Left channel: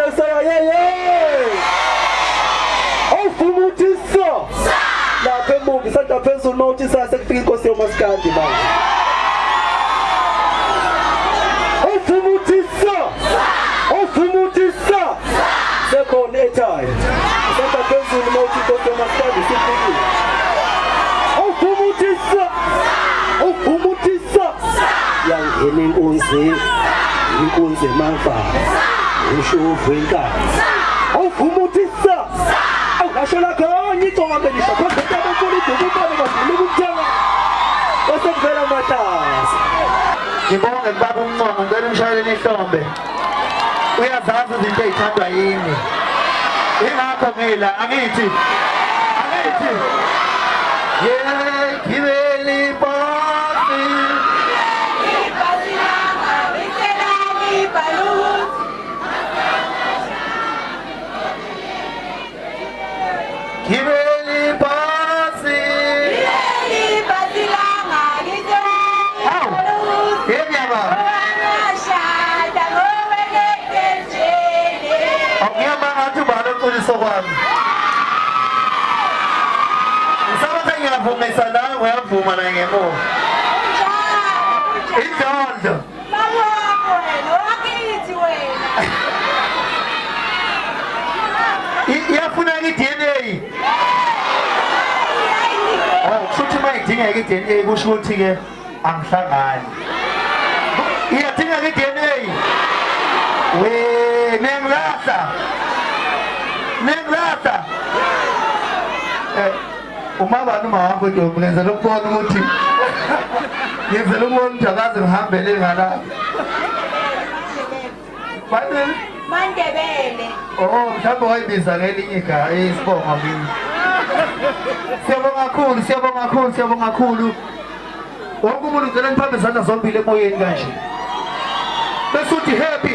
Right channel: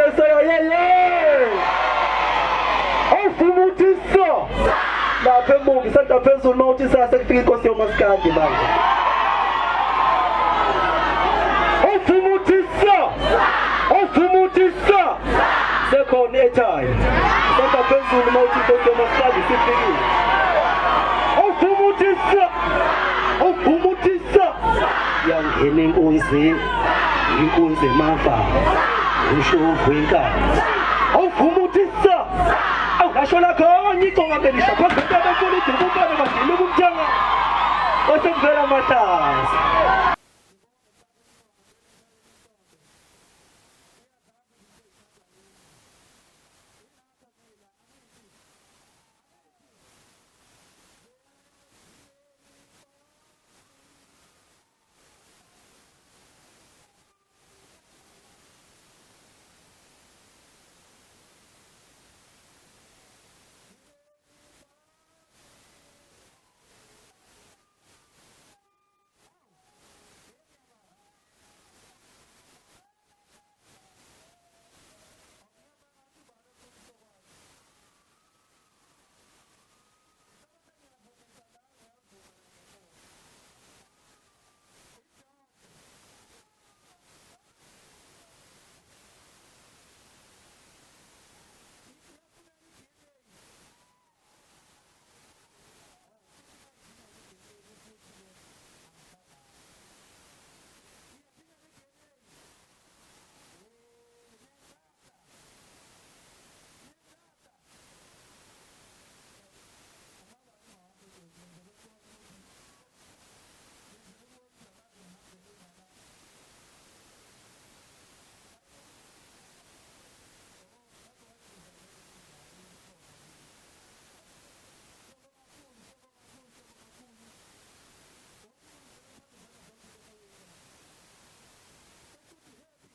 Messiah, yeah. Ofumutisa. Lapha emuva santa phezulu nothi sasekufika inkosi yomaskandi manje. Ofumutisa. Sekhona ekhaya. Santa phezulu nothi inkosi yomaskandi sifikile. Ofumutisa. Yangena inkunzi emava. Ushovu enkani. Ofumutisa. Awukasho lakho ngiconga ngisho phakathi kwabantu ubani bazile ukuthenga. Bese kuvela amatasa. Ngibonge baba uMnqongo ngicela umshayeleni ihlombe. Uyazazi izinto ezithandwa yini. Ingakho ngila angithi. Yeah, gibeli bosi. Gibeli bosi. Ngiyavumisa nawe uyavuma na ngemuva. Indondo. Mama wakho wena, wakithi wena. Iyafuna i-DNA. Oh, kushuthi uma idingeka i-DNA kusho ukuthi-ke angihlangani. Iyadingeka i-DNA. Nengilahla. Uma abantu mahamba ntombi ngenzela ukubona ukuthi ngenzela ukubona ukuthi akaze ngihambele ngala. Mandebele. Oh, mhlawumbe wayibiza ngelinye igama isibongo kimi. Siyabonga kakhulu. Wonke umuntu ngicela niphambe izandla zombili emoyeni kanje. Bese uthi happy.